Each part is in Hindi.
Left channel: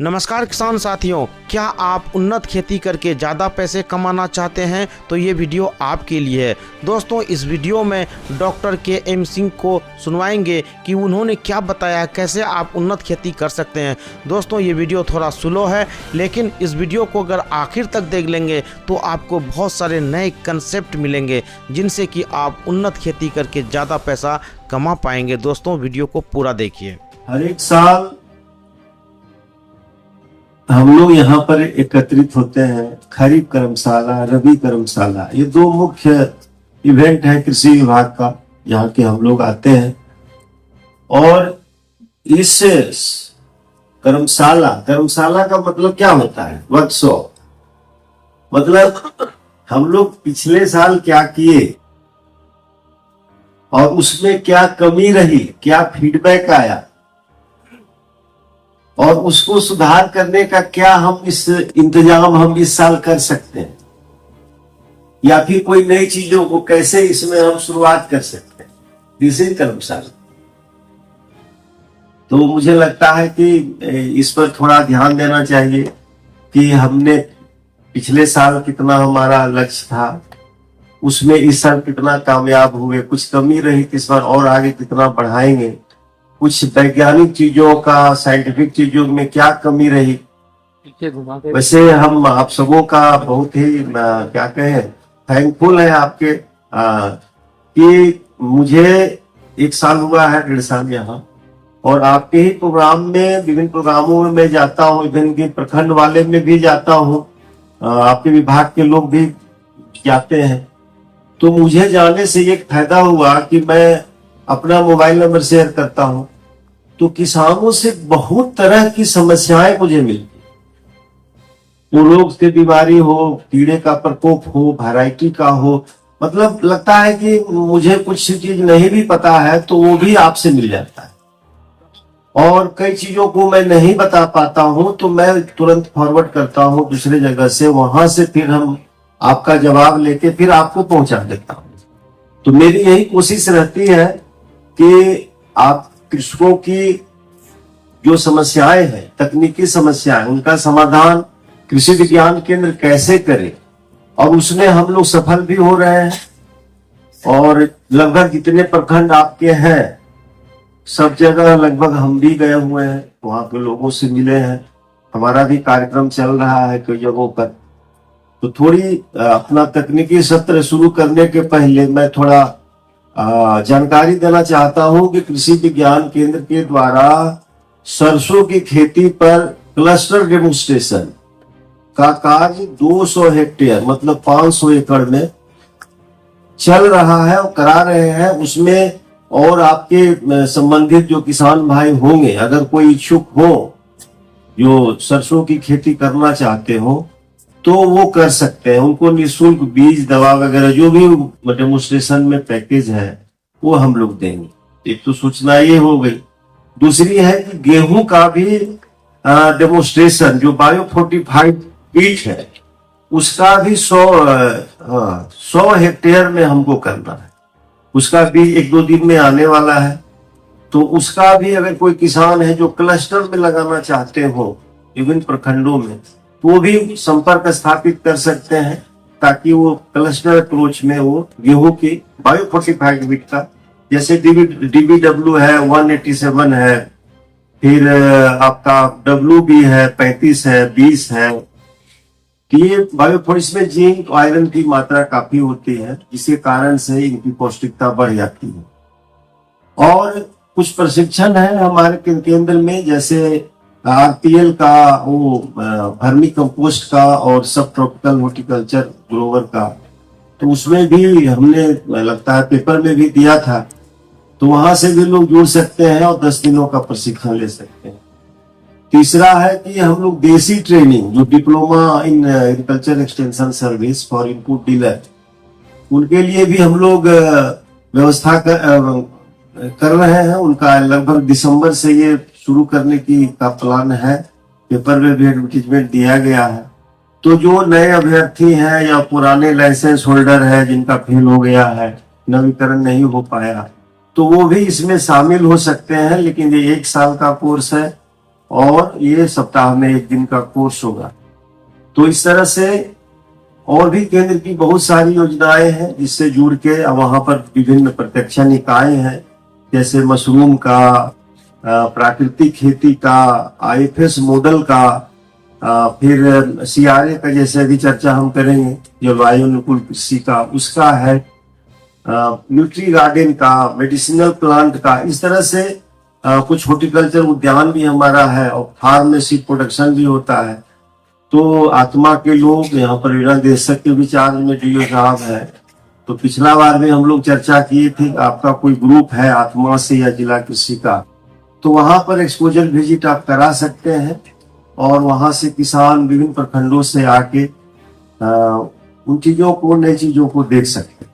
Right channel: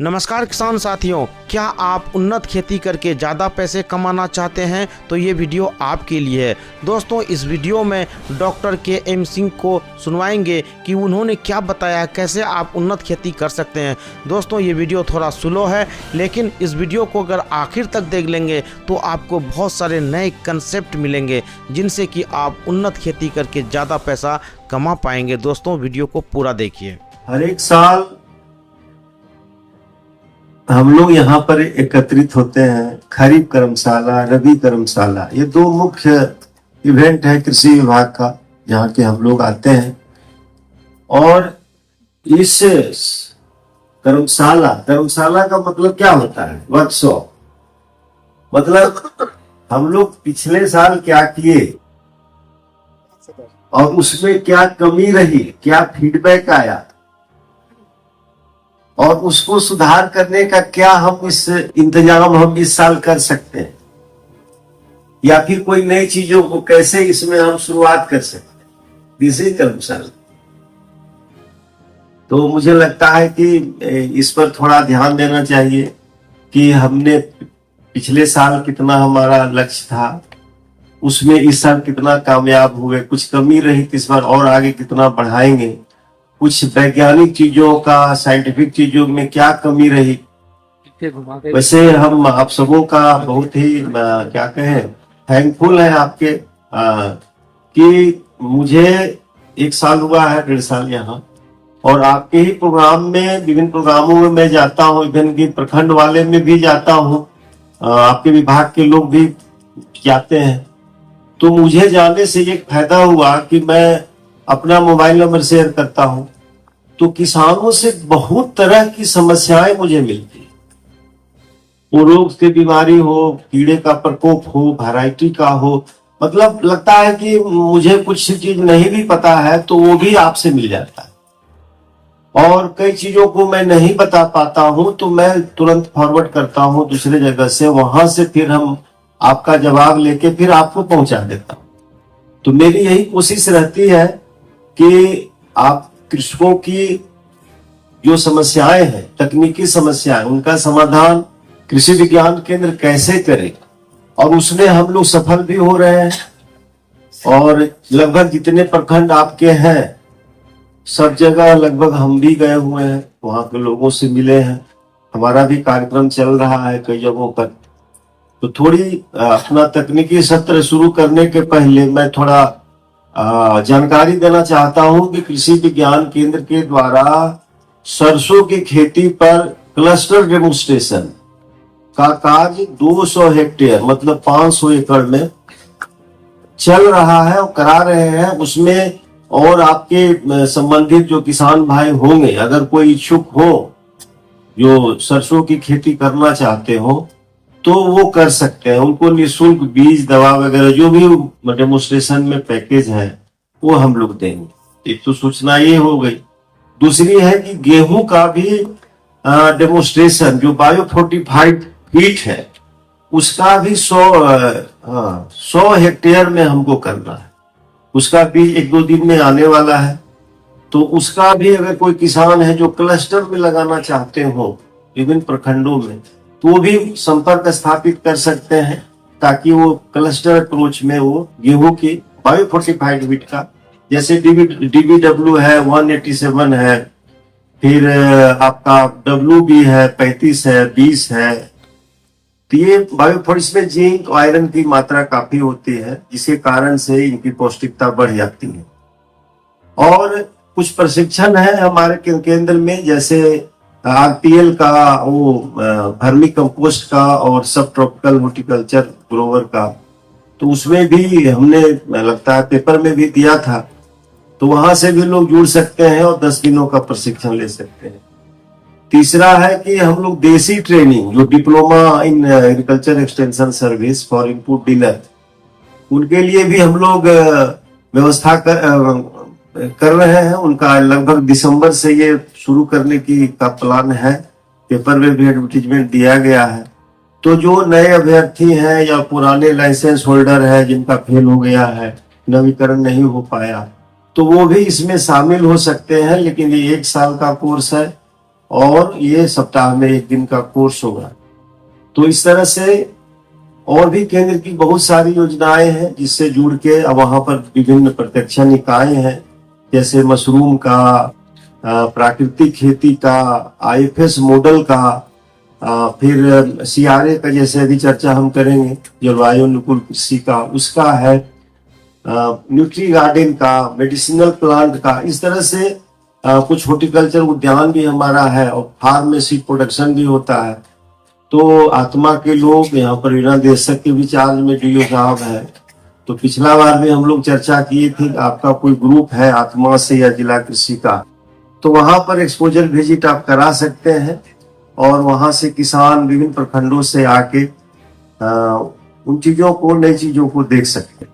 नमस्कार किसान साथियों, क्या आप उन्नत खेती करके ज़्यादा पैसे कमाना चाहते हैं तो ये वीडियो आपके लिए है। दोस्तों, इस वीडियो में डॉक्टर के.एम. सिंह को सुनवाएंगे कि उन्होंने क्या बताया, कैसे आप उन्नत खेती कर सकते हैं। दोस्तों, ये वीडियो थोड़ा स्लो है, लेकिन इस वीडियो को अगर आखिर तक देख लेंगे तो आपको बहुत सारे नए कंसेप्ट मिलेंगे जिनसे कि आप उन्नत खेती करके ज़्यादा पैसा कमा पाएंगे। दोस्तों, वीडियो को पूरा देखिए। हर एक साल हम लोग यहाँ पर एकत्रित होते हैं। खरीफ कर्मशाला, रबी कर्मशाला, ये दो मुख्य इवेंट है कृषि विभाग का, यहाँ के हम लोग आते हैं। और इस कर्मशाला का मतलब क्या होता है? वर्कशॉप। मतलब हम लोग पिछले साल क्या किए और उसमें क्या कमी रही, क्या फीडबैक आया और उसको सुधार करने का क्या हम इस साल कर सकते हैं, या फिर कोई नई चीजों को कैसे इसमें हम शुरुआत कर सकते हैं। दिस इज कर्मशाला। तो मुझे लगता है कि इस पर थोड़ा ध्यान देना चाहिए कि हमने पिछले साल कितना हमारा लक्ष्य था, उसमें इस साल कितना कामयाब हुए, कुछ कमी रही तो इस बार और आगे कितना बढ़ाएंगे, कुछ वैज्ञानिक चीजों का, साइंटिफिक चीजों में क्या कमी रही। वैसे हम आप सबों का बहुत ही क्या कहें, थैंकफुल है आपके कि मुझे 1 साल हुआ है, 1.5 साल यहाँ, और आपके ही प्रोग्राम में, विभिन्न प्रोग्रामों में मैं जाता हूँ, विभिन्न प्रखंड वाले में भी जाता हूँ, आपके विभाग के लोग भी जाते हैं। तो मुझे जाने से एक फायदा हुआ कि मैं अपना मोबाइल नंबर शेयर करता हूं, तो किसानों से बहुत तरह की समस्याएं मुझे मिलती है। वो रोग से बीमारी हो, कीड़े का प्रकोप हो, वैरायटी का हो, मतलब लगता है कि मुझे कुछ चीज नहीं भी पता है तो वो भी आपसे मिल जाता है। और कई चीजों को मैं नहीं बता पाता हूं तो मैं तुरंत फॉरवर्ड करता हूं दूसरे जगह से, वहां से फिर हम आपका जवाब लेके फिर आपको पहुंचा देता हूं। तो मेरी यही कोशिश रहती है कि आप कृषकों की जो समस्याएं हैं, तकनीकी समस्याएं, उनका समाधान कृषि विज्ञान केंद्र कैसे करे, और उसमें हम लोग सफल भी हो रहे हैं। और लगभग जितने प्रखंड आपके हैं सब जगह लगभग हम भी गए हुए हैं, वहां के लोगों से मिले हैं, हमारा भी कार्यक्रम चल रहा है कई जगहों पर। तो थोड़ी अपना तकनीकी सत्र शुरू करने के पहले मैं थोड़ा जानकारी देना चाहता हूं कि कृषि विज्ञान केंद्र के द्वारा सरसों की खेती पर क्लस्टर डेमोन्स्ट्रेशन का कार्य 200 हेक्टेयर मतलब 500 एकड़ में चल रहा है और करा रहे हैं। उसमें और आपके संबंधित जो किसान भाई होंगे, अगर कोई इच्छुक हो जो सरसों की खेती करना चाहते हो तो वो कर सकते हैं। उनको निःशुल्क बीज, दवा वगैरह जो भी डेमोन्स्ट्रेशन में पैकेज है वो हम लोग देंगे। एक तो सूचना ये हो गई। दूसरी है कि गेहूं का भी डेमोन्स्ट्रेशन जो बायोफोर्टिफाइड कीट है उसका भी 100 हेक्टेयर में हमको करना है। उसका भी 1-2 दिन में आने वाला है। तो उसका भी अगर कोई किसान है जो क्लस्टर में लगाना चाहते हो विभिन्न प्रखंडों में, तो वो भी संपर्क स्थापित कर सकते हैं ताकि वो क्लस्टर अप्रोच में वो गेहूं की बायोफोर्टिफाइड वीट का, जैसे DBW है 187 है, फिर आपका WB है 35 है 20 है। तो ये बायोफोर्टिस में जिंक, आयरन की मात्रा काफी होती है, जिसके कारण से इनकी पौष्टिकता बढ़ जाती है। और कुछ प्रशिक्षण है हमारे केंद्र में, जैसे RPL का, वो वर्मी कंपोस्ट का और सब ट्रॉपिकल हॉर्टिकल्चर ग्रोवर का, तो उसमें भी हमने लगता है पेपर में भी दिया था। तो वहां से भी लोग जुड़ सकते हैं और 10 दिनों का प्रशिक्षण ले सकते हैं। तीसरा है कि हम लोग देसी ट्रेनिंग, जो diploma in agriculture extension service for input dealer, उनके लिए भी हम लोग व्यवस्था कर रहे हैं। उनका लगभग दिसंबर से ये शुरू करने का प्लान है। पेपर में भी एडवर्टीजमेंट दिया गया है। तो जो नए अभ्यर्थी हैं या पुराने लाइसेंस होल्डर है जिनका फेल हो गया है, नवीकरण नहीं हो पाया, तो वो भी इसमें शामिल हो सकते हैं। लेकिन ये 1 साल का कोर्स है और ये सप्ताह में 1 दिन का कोर्स होगा। तो इस तरह से और भी केंद्र की बहुत सारी योजनाएं हैं जिससे जुड़ के वहां पर विभिन्न प्रत्यक्ष निकाय हैं, जैसे मशरूम का, प्राकृतिक खेती का, IFS मॉडल का, फिर CRA का, जैसे अभी चर्चा हम करेंगे जलवायु अनुकूल कृषि का, उसका है, न्यूट्री गार्डन का, मेडिसिनल प्लांट का। इस तरह से कुछ हॉर्टिकल्चर उद्यान भी हमारा है और फार्मेसी प्रोडक्शन भी होता है। तो आत्मा के लोग यहाँ पर वीणा देशक के विचार में DO साहब है। तो पिछला बार भी हम लोग चर्चा किए थे, आपका कोई ग्रुप है आत्मा से या जिला कृषि का, तो वहां पर एक्सपोजर विजिट आप करा सकते हैं और वहां से किसान विभिन्न प्रखंडों से आके उन चीजों को, नई चीजों को देख सकते हैं।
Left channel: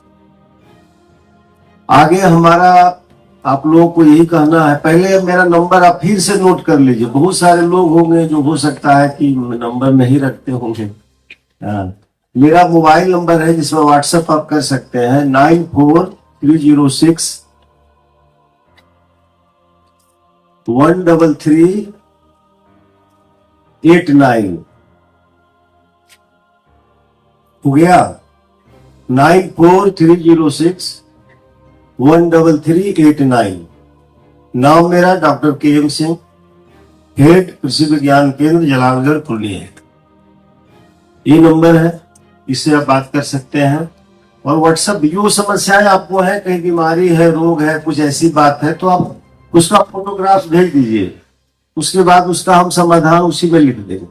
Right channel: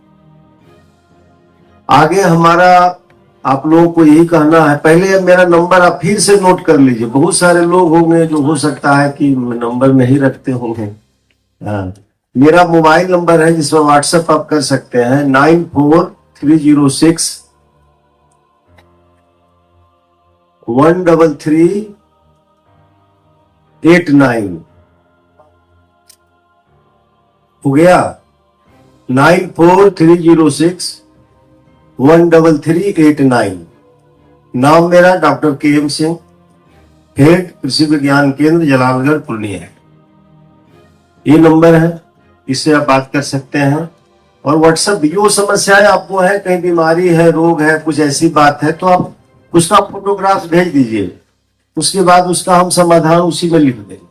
आगे हमारा आप लोगों को यही कहना है, पहले मेरा नंबर आप फिर से नोट कर लीजिए। बहुत सारे लोग होंगे जो हो सकता है कि नंबर नहीं रखते होंगे। मेरा मोबाइल नंबर है जिसमें व्हाट्सएप आप कर सकते हैं, 9430613389। हो गया? 9430613389। नाम मेरा डॉक्टर KM सिंह, हेड कृषि विज्ञान केंद्र जलालगढ़ पूर्णिया है। ये नंबर है, इससे आप बात कर सकते हैं। और व्हाट्सएप जो समस्याएं आपको है, कहीं बीमारी है, रोग है, कुछ ऐसी बात है, तो आप उसका फोटोग्राफ भेज दीजिए। उसके बाद उसका हम समाधान उसी में लिख देंगे,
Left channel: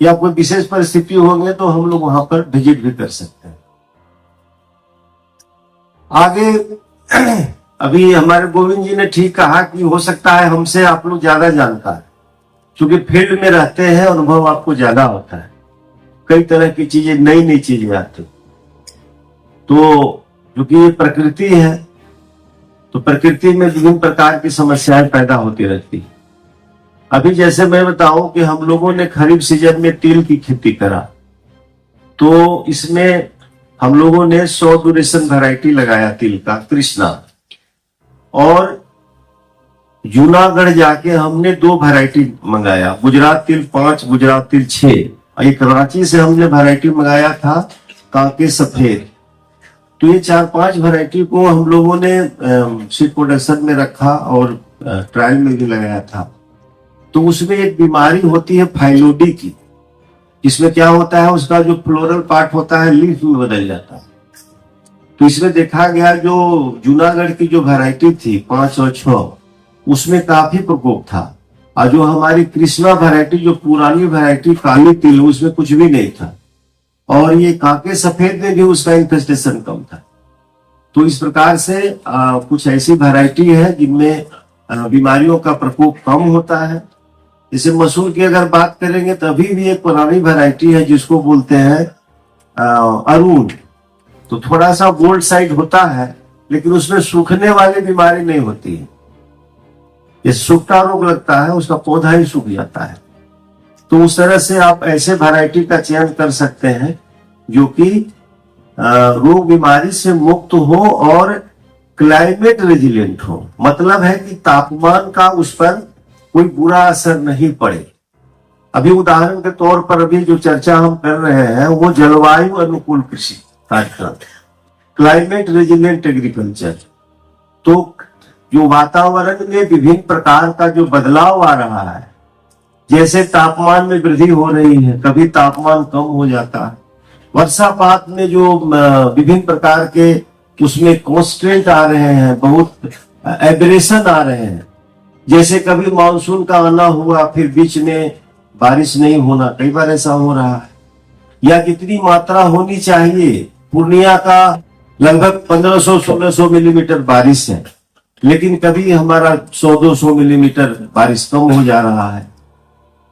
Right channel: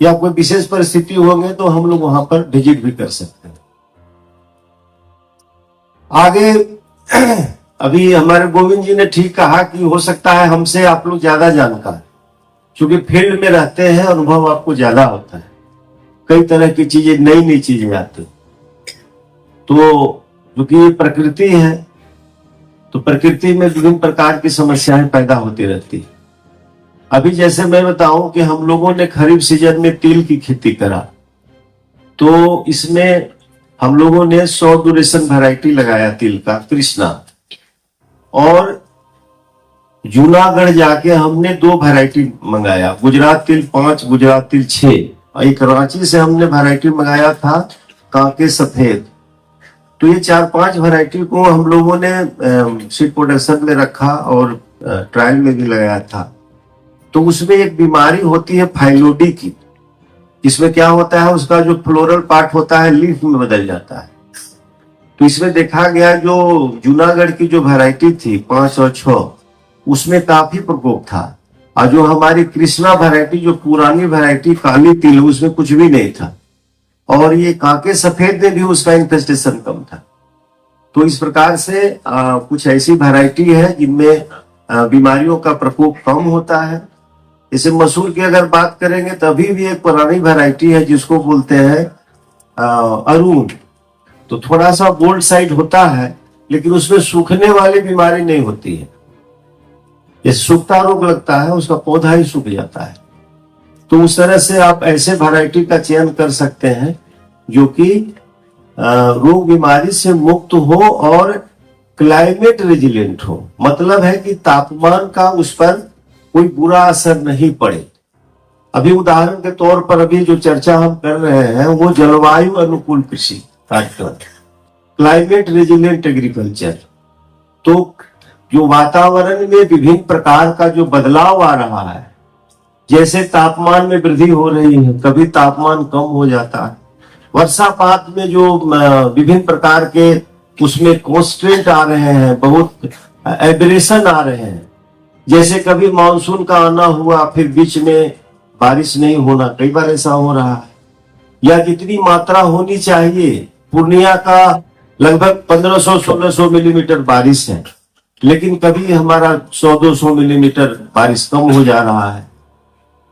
या कोई विशेष परिस्थिति होंगे तो हम लोग वहां पर विजिट भी कर सकते हैं। आगे अभी हमारे गोविंद जी ने ठीक कहा कि हो सकता है हमसे आप लोग ज्यादा जानकार, क्योंकि फील्ड में रहते हैं, अनुभव आपको ज्यादा होता है, कई तरह की चीजें, नई नई चीजें आती। तो क्योंकि ये प्रकृति है, तो प्रकृति में विभिन्न प्रकार की समस्याएं पैदा होती रहती है। अभी जैसे मैं बताऊं कि हम लोगों ने खरीफ सीजन में तिल की खेती करा, तो इसमें हम लोगों ने 100 ड्यूरेशन वैरायटी लगाया तिल का, कृष्णा। और जूनागढ़ जाके हमने 2 वैरायटी मंगाया, गुजरात तिल 5, गुजरात तिल 6। एक कराची से हमने वैरायटी मंगाया था कांके सफेद। तो ये 4-5 वैरायटी को हम लोगों ने सीड प्रोडक्शन में रखा और ट्रायल में भी लगाया था। तो उसमें एक बीमारी होती है फाइलोडी की। इसमें क्या होता है, उसका जो फ्लोरल पार्ट होता है लीफ में बदल जाता है। तो इसमें देखा गया जो जूनागढ़ की जो वैरायटी थी 5 और 6, उसमें काफी प्रकोप था। और जो हमारी कृष्णा वैरायटी, जो पुरानी वैरायटी काली तिल, उसमें कुछ भी नहीं था। और ये कांके सफेद में भी उसका इन्फेस्टेशन कम था। तो इस प्रकार से कुछ ऐसी वैरायटी है जिनमें बीमारियों का प्रकोप कम होता है। जैसे मसूर की अगर बात करेंगे तो अभी भी एक पुरानी वैरायटी है जिसको बोलते हैं अरुण। तो थोड़ा सा गोल्ड साइड होता है, लेकिन उसमें सूखने वाली बीमारी नहीं होती है। ये सूखता रोग लगता है, उसका पौधा ही सूख जाता है। तो उस तरह से आप ऐसे वैरायटी का चयन कर सकते हैं जो कि रोग बीमारी से मुक्त हो और क्लाइमेट रेजिलेंट हो। मतलब है कि तापमान का उस पर कोई बुरा असर नहीं पड़े। अभी उदाहरण के तौर पर अभी जो चर्चा हम कर रहे हैं वो जलवायु अनुकूल कृषि कार्यक्रम, क्लाइमेट रेजिलेंट एग्रीकल्चर। तो जो वातावरण में विभिन्न प्रकार का जो बदलाव आ रहा है, जैसे तापमान में वृद्धि हो रही है, कभी तापमान कम हो जाता है, वर्षापात में जो विभिन्न प्रकार के उसमें कॉन्स्टेंट आ रहे हैं, बहुत एब्रेशन आ रहे हैं। जैसे कभी मानसून का आना हुआ, फिर बीच में बारिश नहीं होना, कई बार ऐसा हो रहा है। या जितनी मात्रा होनी चाहिए, पूर्णिया का लगभग 1500-1600 मिलीमीटर बारिश है, लेकिन कभी हमारा 100-200 मिलीमीटर बारिश कम हो जा रहा है।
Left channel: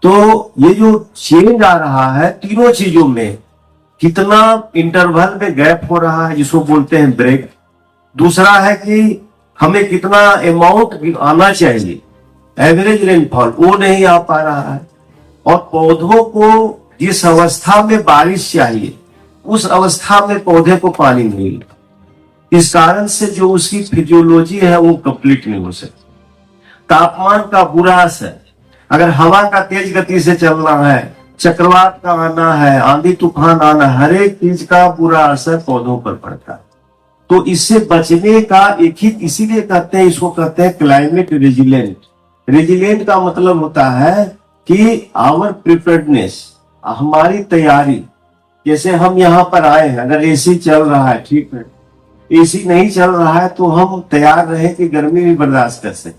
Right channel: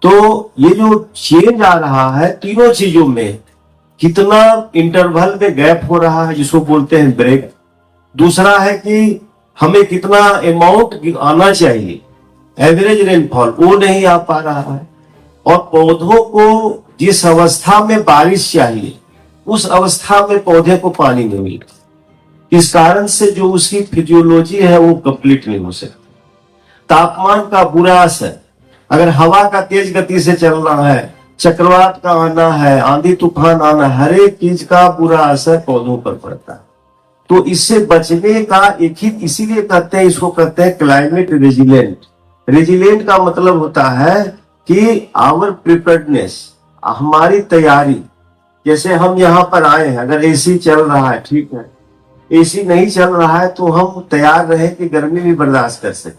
तो ये जो चेंज आ रहा है तीनों चीजों में, कितना इंटरवल में गैप हो रहा है जिसको बोलते हैं ब्रेक। दूसरा है कि हमें कितना अमाउंट आना चाहिए, एवरेज रेनफॉल, वो नहीं आ पा रहा है। और पौधों को जिस अवस्था में बारिश चाहिए उस अवस्था में पौधे को पानी नहीं मिलता। इस कारण से जो उसकी फिजियोलॉजी है वो कंप्लीट नहीं हो सकती। तापमान का बुरा असर, अगर हवा का तेज गति से चलना है, चक्रवात का आना है, आंधी तूफान आना, हर एक चीज का बुरा असर पौधों पर पड़ता है। तो इससे बचने का एक ही, इसीलिए कहते हैं, इसको कहते हैं क्लाइमेट रेजिलेंट। रेजिलेंट का मतलब होता है कि आवर प्रिपेयर्डनेस, हमारी तैयारी। जैसे हम यहाँ पर आए हैं, अगर एसी चल रहा है, ठीक है, एसी नहीं चल रहा है तो हम तैयार रहे कि गर्मी भी बर्दाश्त कर सके,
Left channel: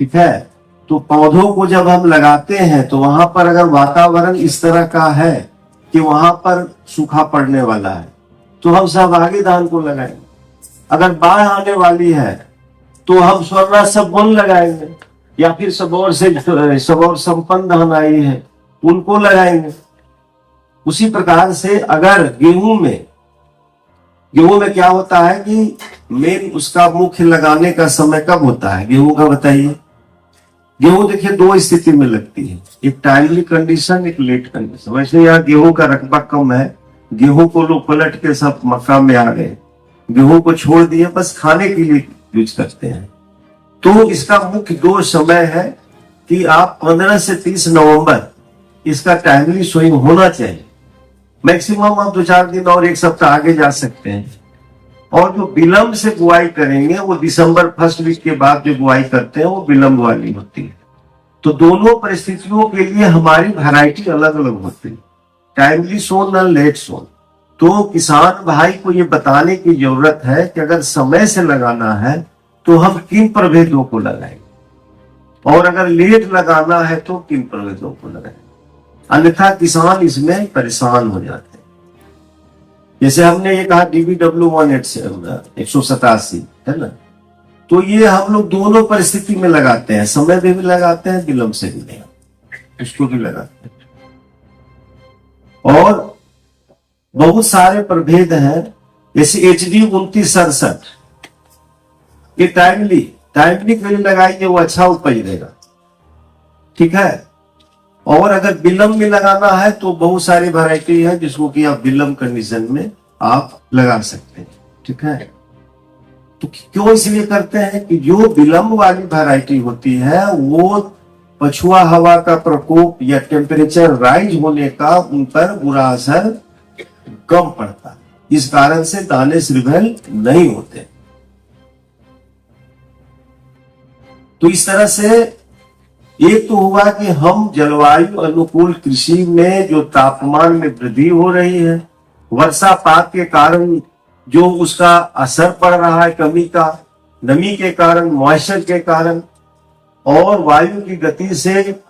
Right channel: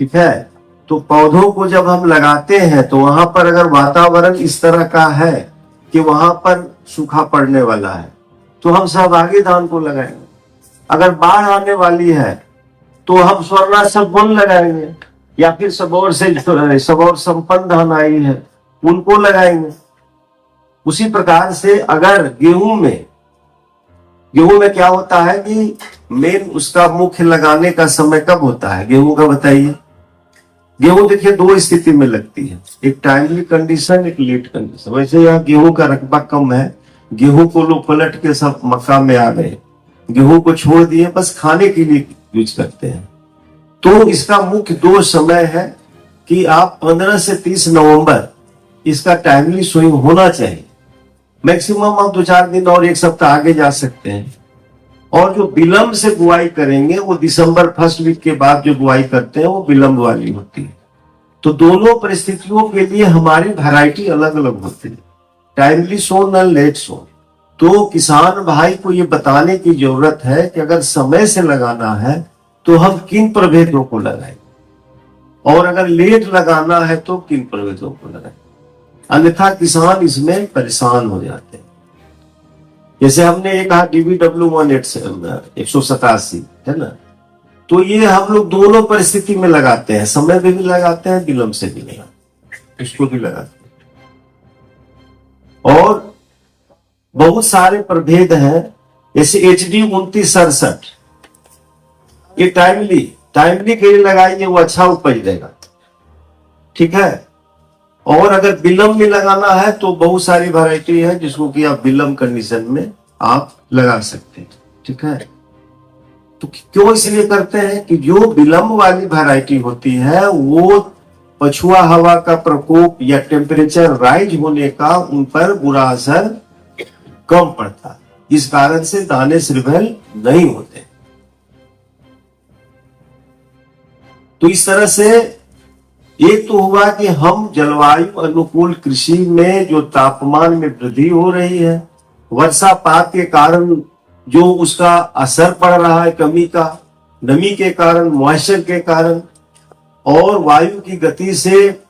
ठीक है। तो पौधों को जब हम लगाते हैं तो वहां पर अगर वातावरण इस तरह का है कि वहां पर सूखा पड़ने वाला है तो हम सहभागी धान को लगाएंगे। अगर बाढ़ आने वाली है तो हम स्वर्णा सब वन लगाएंगे, या फिर सबौर संपन्न धान आई है उनको लगाएंगे। उसी प्रकार से अगर गेहूं में क्या होता है कि मेन उसका मुख्य लगाने का समय कब होता है गेहूं का, बताइए। गेहूं देखिए दो स्थिति में लगती है, एक टाइमली कंडीशन, एक लेट कंडीशन। वैसे यहाँ गेहूं का रकबा कम है, गेहूं को लोग पलट के सब मक्का में आ गए, गेहूं को छोड़ दिए, बस खाने के लिए यूज करते हैं। तो इसका मुख्य दो समय है कि आप 15 से 30 नवंबर इसका टाइमली सोइंग होना चाहिए। मैक्सिमम आप 2-4 दिन और 1 सप्ताह आगे जा सकते हैं। और जो विलंब से बुआई करेंगे वो दिसंबर फर्स्ट वीक के बाद जो बुआई करते हैं वो विलंब वाली होती है। तो दोनों परिस्थितियों के लिए हमारी वैरायटी अलग अलग होती है, टाइमली सोन और लेट सोन। तो किसान भाई को ये बताने की जरूरत है कि अगर समय से लगाना है तो हम किन प्रभेदों को लगाएंगे, और अगर लेट लगाना है तो किन प्रभेदों को लगाएंगे, अन्यथा किसान इसमें परेशान हो जाते हैं। जैसे हमने ये कहा DBW187 है ना, तो ये हम लोग दोनों परिस्थिति में लगाते हैं, समय में भी लगाते हैं, विलंब से भी लगाते हैं, इसको भी लगाते हैं। और बहुत सारे प्रभेद हैं, जैसे HD 2967, ये टाइमली के लिए लगाएंगे, वो अच्छा उपज देगा, ठीक है। और अगर विलंब में लगाना है तो बहुत सारी वैरायटी है जिसको कि आप विलंब कंडीशन में आप लगा सकते हैं, ठीक है। तो क्यों इसलिए करते हैं कि जो विलंब वाली वैरायटी होती है वो पछुआ हवा का प्रकोप या टेम्परेचर राइज होने का उन पर बुरा असर कम पड़ता है, इस कारण से दाने श्रीवल नहीं होते। तो इस तरह से एक तो हुआ कि हम जलवायु अनुकूल कृषि में जो तापमान में वृद्धि हो रही है, वर्षापात के कारण जो उसका असर पड़ रहा है, कमी का, नमी के कारण, मॉइस्चर के कारण, और वायु की गति से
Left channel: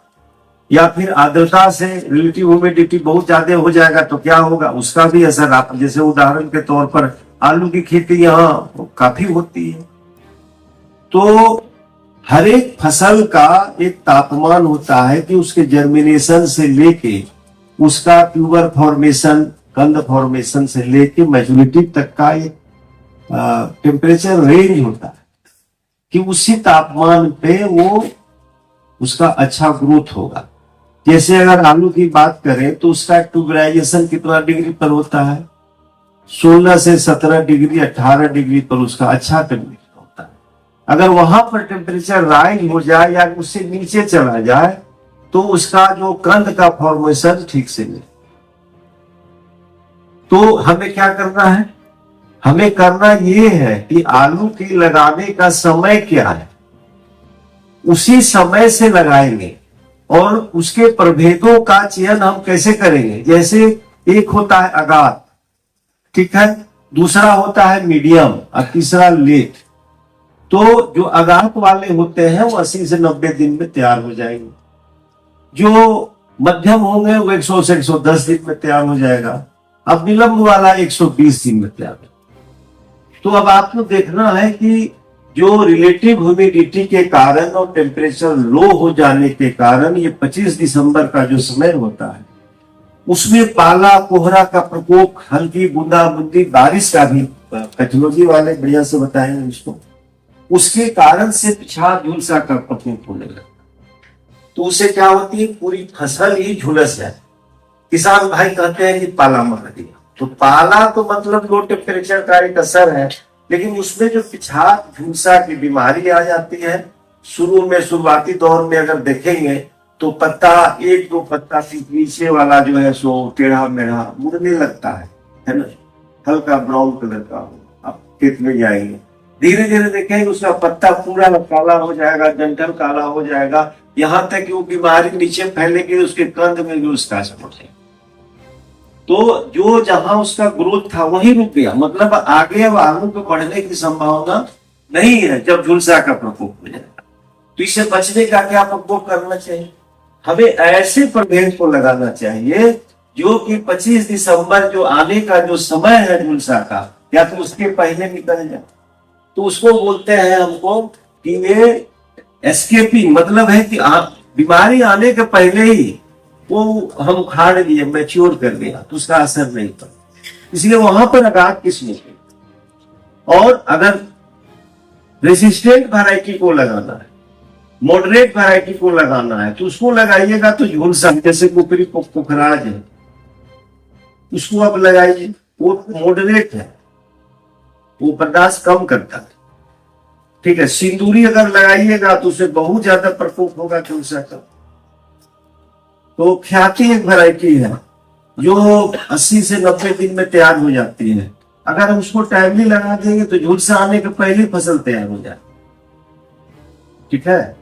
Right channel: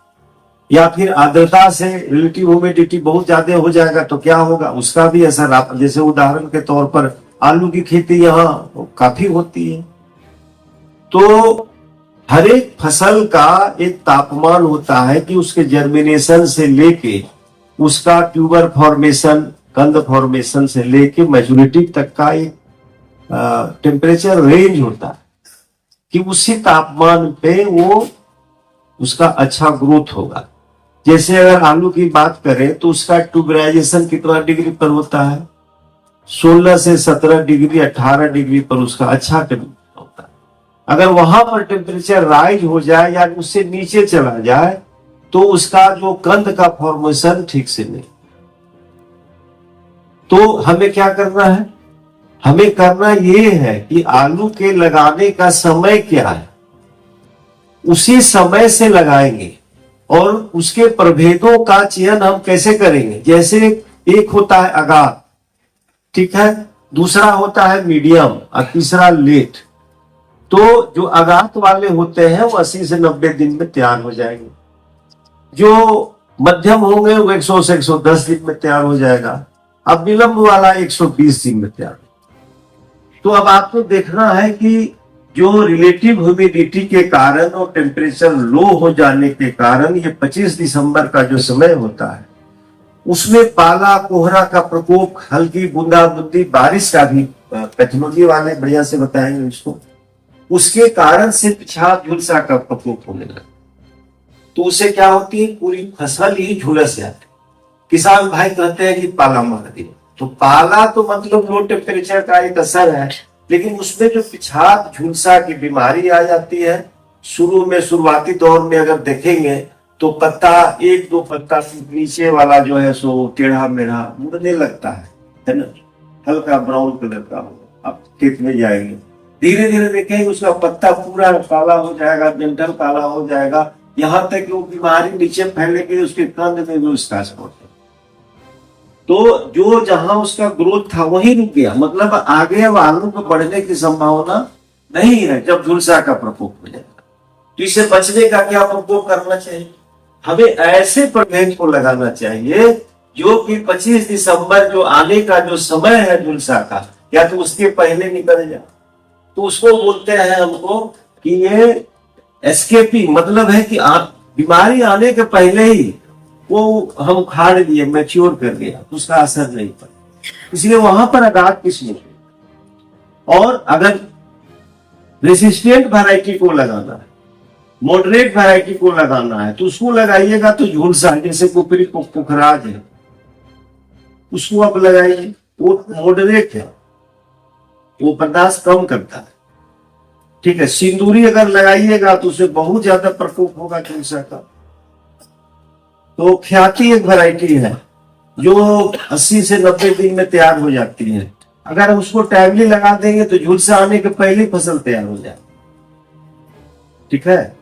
या फिर आर्द्रता से, रिलेटिव ह्यूमिडिटी बहुत ज्यादा हो जाएगा तो क्या होगा, उसका भी असर। आप जैसे उदाहरण के तौर पर आलू की खेती यहाँ काफी होती है। तो हर एक फसल का एक तापमान होता है कि उसके जर्मिनेशन से लेके उसका ट्यूबर फॉर्मेशन, कंद फॉर्मेशन से लेके मैच्योरिटी तक का एक टेम्परेचर रेंज होता है कि उसी तापमान पे वो उसका अच्छा ग्रोथ होगा। जैसे अगर आलू की बात करें तो उसका ट्यूबराइजेशन कितना डिग्री पर होता है, 16 से 17 डिग्री, 18 डिग्री पर उसका अच्छा टेम्परेचर होता है। अगर वहां पर टेम्परेचर राइज हो जाए या उससे नीचे चला जाए तो उसका जो कंद का फॉर्मेशन ठीक से नहीं। तो हमें क्या करना है, हमें करना ये है कि आलू के लगाने का समय क्या है, उसी समय से लगाएंगे। और उसके प्रभेदों का चयन हम कैसे करेंगे, जैसे एक होता है अगात, ठीक है, दूसरा होता है मीडियम और तीसरा लेट। तो जो अगात वाले होते हैं वो 80 से 90 दिन में तैयार हो जाएंगे, जो मध्यम होंगे वो 100 से 110 दिन में तैयार हो जाएगा, अब विलंब वाला 120 दिन में तैयार। तो अब आपको देखना है कि जो रिलेटिव ह्यूमिडिटी के कारण और टेम्परेचर लो हो जाने के कारण ये 25 दिसंबर का जो समय होता है उसमें पाला कोहरा का प्रकोप, हल्की बूंदाबूंदी बारिश का भी पैथोलॉजी वाले बढ़िया से बताएंगे इसको, उसके कारण से पिछाड़ झुलसा का प्रकोप होने लगता। तो उससे क्या होती है, पूरी फसल ही झुलस जाती। किसान भाई कहते हैं कि पाला मार दिया, तो पाला तो मतलब लो टेम्परेचर का एक असर है, लेकिन उसमें जो पिछाड़ झुलसा की बीमारी आ जाती है, शुरू में शुरुआती दौर में अगर देखेंगे तो पत्ता एक दो पत्ता नीचे वाला जो है सो टेढ़ा मेढ़ा मुड़ने लगता है ना, हल्का ब्राउन कलर का हो। आप खेत में जाएंगे, धीरे धीरे देखेंगे उसका पत्ता पूरा काला हो जाएगा, डंठल काला हो जाएगा, यहाँ तक कि वो बीमारी नीचे फैलेगी, उसके कंद में भी उसका असर हो जाएगा। तो जो जहां उसका ग्रोथ था वही रुक गया, मतलब आगे अब आलू को बढ़ने की संभावना नहीं है जब झुलसा का प्रकोप हो जाएगा। तो इसे बचने का क्या प्रकोप करना चाहिए? हमें ऐसे प्रभेद को लगाना चाहिए जो कि 25 दिसंबर जो आने का जो समय है झुलसा का, या तो उसके पहले निकल जाए, तो उसको बोलते हैं हमको कि ये एस्केपिंग, मतलब है कि बीमारी आने के पहले ही वो हम खाड़ दिए, मैच्योर कर दिया, तो उसका असर नहीं पड़ा। इसलिए वहां पर आघात किसने की। और अगर रेसिस्टेंट वैरायटी को लगाना है, मॉडरेट वैरायटी को लगाना है, तो उसको लगाइएगा तो झुलसा, जैसे कुपरी पुखराज है, उसको आप लगाइए, वो मॉडरेट है, वो बर्दाश्त कम करता है, ठीक है। सिंदूरी अगर लगाइएगा तो उसे बहुत ज्यादा प्रकोप होगा झुलसा का। तो ख्याति एक वैरायटी है जो 80 से 90 दिन में तैयार हो जाती है। अगर हम उसको टाइमली लगा देंगे तो झुलसा आने के पहले फसल तैयार हो जाए, ठीक है।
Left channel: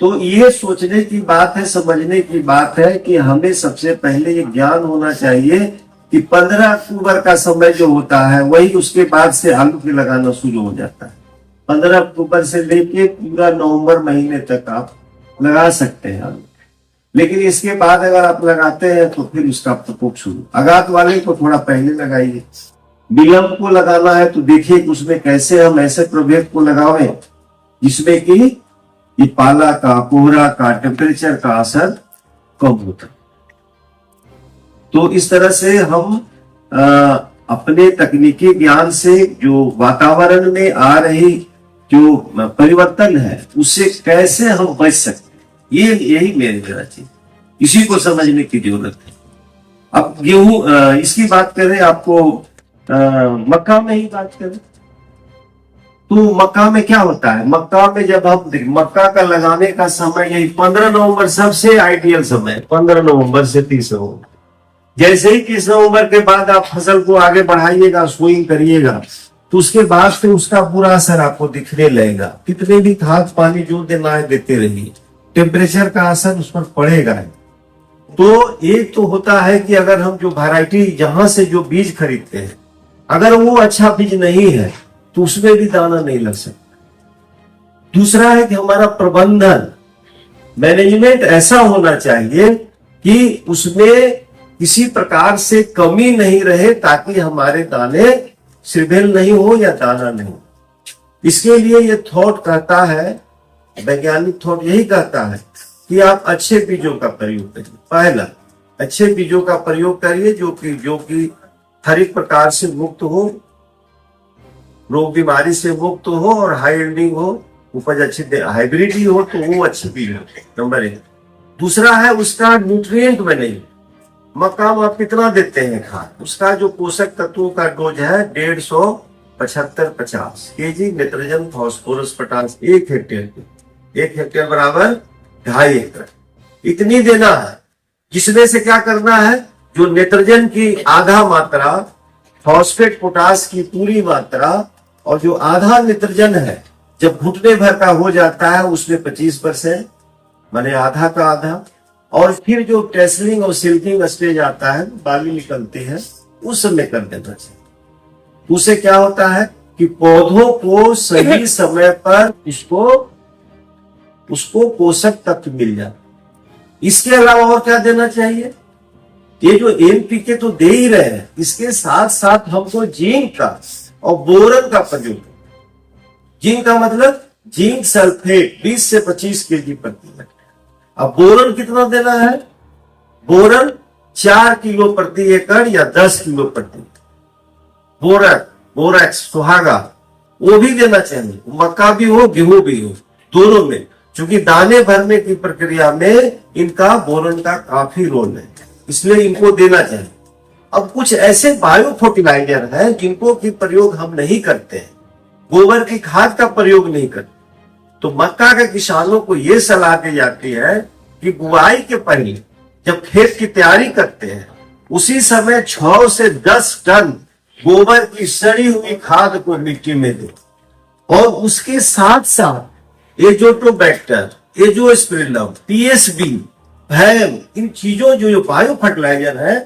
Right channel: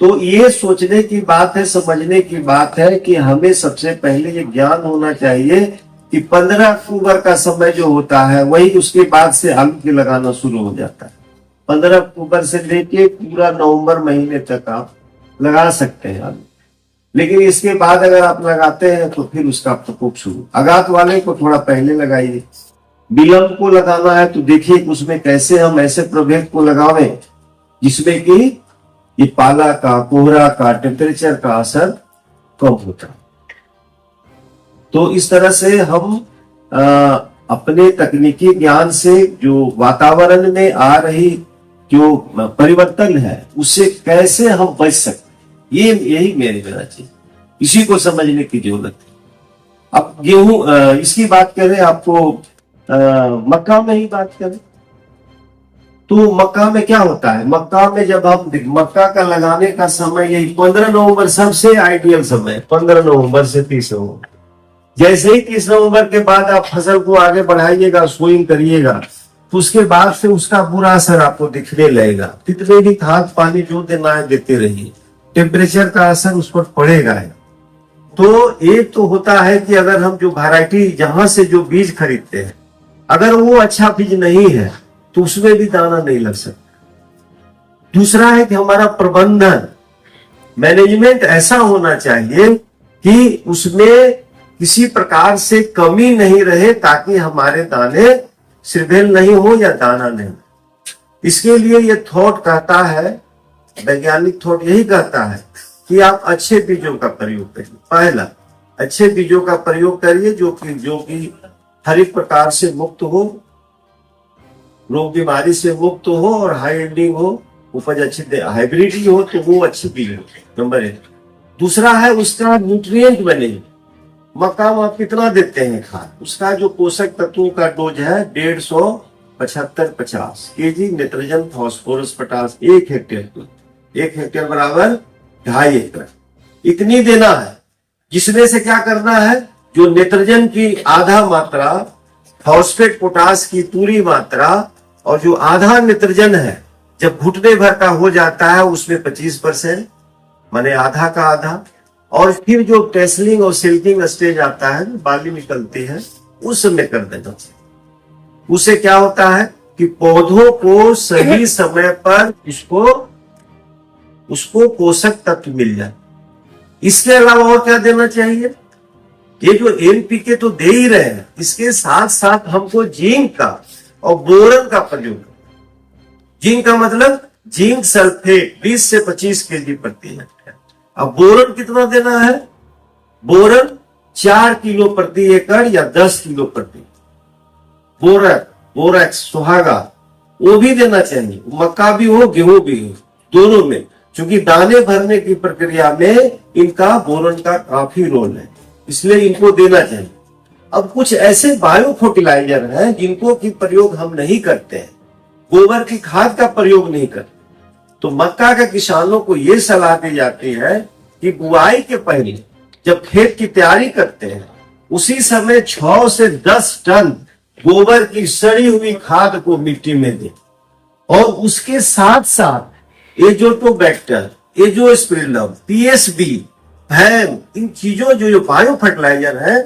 तो ये सोचने की बात है, समझने की बात है कि हमें सबसे पहले ये ज्ञान होना चाहिए कि 15 अक्टूबर का समय जो होता है वही उसके बाद से आलू की लगाना शुरू हो जाता है। 15 अक्टूबर से लेके पूरा नवंबर महीने तक आप लगा सकते हैं आलू, लेकिन इसके बाद अगर आप लगाते हैं तो फिर उसका प्रकोप शुरू। आघात वाले को थोड़ा पहले लगाइए। विलंब को लगाना है तो देखिए उसमें कैसे हम ऐसे प्रभेद को लगावें जिसमें कि ये पाला का, कोहरा का, टेम्परेचर का असर कम होता है। तो इस तरह से हम अपने तकनीकी ज्ञान से जो वातावरण में आ रही जो परिवर्तन है उससे कैसे हम बच सकते, ये यही मेरे देना चाहिए, इसी को समझने की जरूरत है। अब गेहूं इसकी बात करें, आपको मक्का में ही बात करें तो मक्का में क्या होता है। मक्का में जब हम मक्का का लगाने का समय यही 15 नवंबर सबसे आइडियल समय, 15 नवंबर से 30 नवंबर। जैसे ही 30 नवंबर के बाद आप फसल को आगे बढ़ाइएगा, सोइंग करिएगा, तो उसके बाद से उसका बुरा असर आपको दिखने लगेगा। कितने भी खाद पानी जो देना है देते रहिए, टेम्परेचर का असर उस पर पड़ेगा। तो एक तो होता है कि अगर हम जो वैरायटी जहां से जो बीज खरीदते हैं अगर वो अच्छा बीज नहीं है तो उसमें भी दाना नहीं लग सकता। दूसरा है कि हमारा प्रबंधन, मैनेजमेंट ऐसा होना चाहिए कि उसमें किसी प्रकार से कमी नहीं रहे ताकि हमारे दाने श्रीभेल नहीं हो या दाना नहीं हो। इसके लिए ये थॉट कहता है, वैज्ञानिक थॉट यही कहता है कि आप अच्छे बीजों का प्रयोग करिए। पहला, अच्छे बीजों का प्रयोग करिए जो कि हर एक प्रकार से मुक्त हो, रोग बीमारी से मुक्त हो और हाई एंडिंग हो, उपज अच्छी दे, हाइब्रिड ही हो तो वो अच्छी बीज हो, नंबर 1। दूसरा है उसका न्यूट्रिएंट मैनेजमेंट। मक्का में आप कितना देते हैं खाद, उसका जो पोषक तत्वों का डोज है 150-50 KG nitrogen, phosphorus, potash 1 hectare. 1 hectare बराबर 2.5 एकड़, इतनी देना है। जिसमें से क्या करना है, जो नाइट्रोजन की आधा मात्रा, फॉस्फेट पोटास की पूरी मात्रा, और जो आधा नाइट्रोजन है जब घुटने भर का हो जाता है उसमें 25%, माने आधा का आधा। और फिर जो टेसलिंग और सिल्किंग स्टेज आता है, बाली निकलती है, उस समय कर देना चाहिए। उससे क्या होता है कि पौधों को सही समय पर उसको पोषक तत्व मिल जाए। इसके अलावा और क्या देना चाहिए, ये जो एनपीके तो दे ही रहे हैं, इसके साथ साथ हमको जिंक का और बोरन का प्रयोग। जिंक का मतलब जिंक सल्फेट 20 से 25 केजी प्रति हेक्टेयर। अब बोरन कितना देना है, बोरन 4 किलो प्रति एकड़ या 10 किलो प्रति। बोरैक्स, सुहागा, वो भी देना चाहिए। मक्का भी हो, गेहूं भी हो, दोनों में, क्योंकि दाने भरने की प्रक्रिया में इनका बोरन का काफी रोल है, इसलिए इनको देना चाहिए। अब कुछ ऐसे बायो फर्टिलाइजर हैं जिनको की प्रयोग हम नहीं करते हैं, गोबर की खाद का प्रयोग नहीं करते, तो मक्का के किसानों को ये सलाह दी जाती है कि बुआई के पहले जब खेत की तैयारी करते हैं उसी समय 6 से 10 टन गोबर की सड़ी हुई खाद को मिट्टी में दें और उसके साथ साथ एजोटोबैक्टर, एजोस्पिरिलम, पीएसबी है, इन चीजों जो बायो फर्टिलाइजर है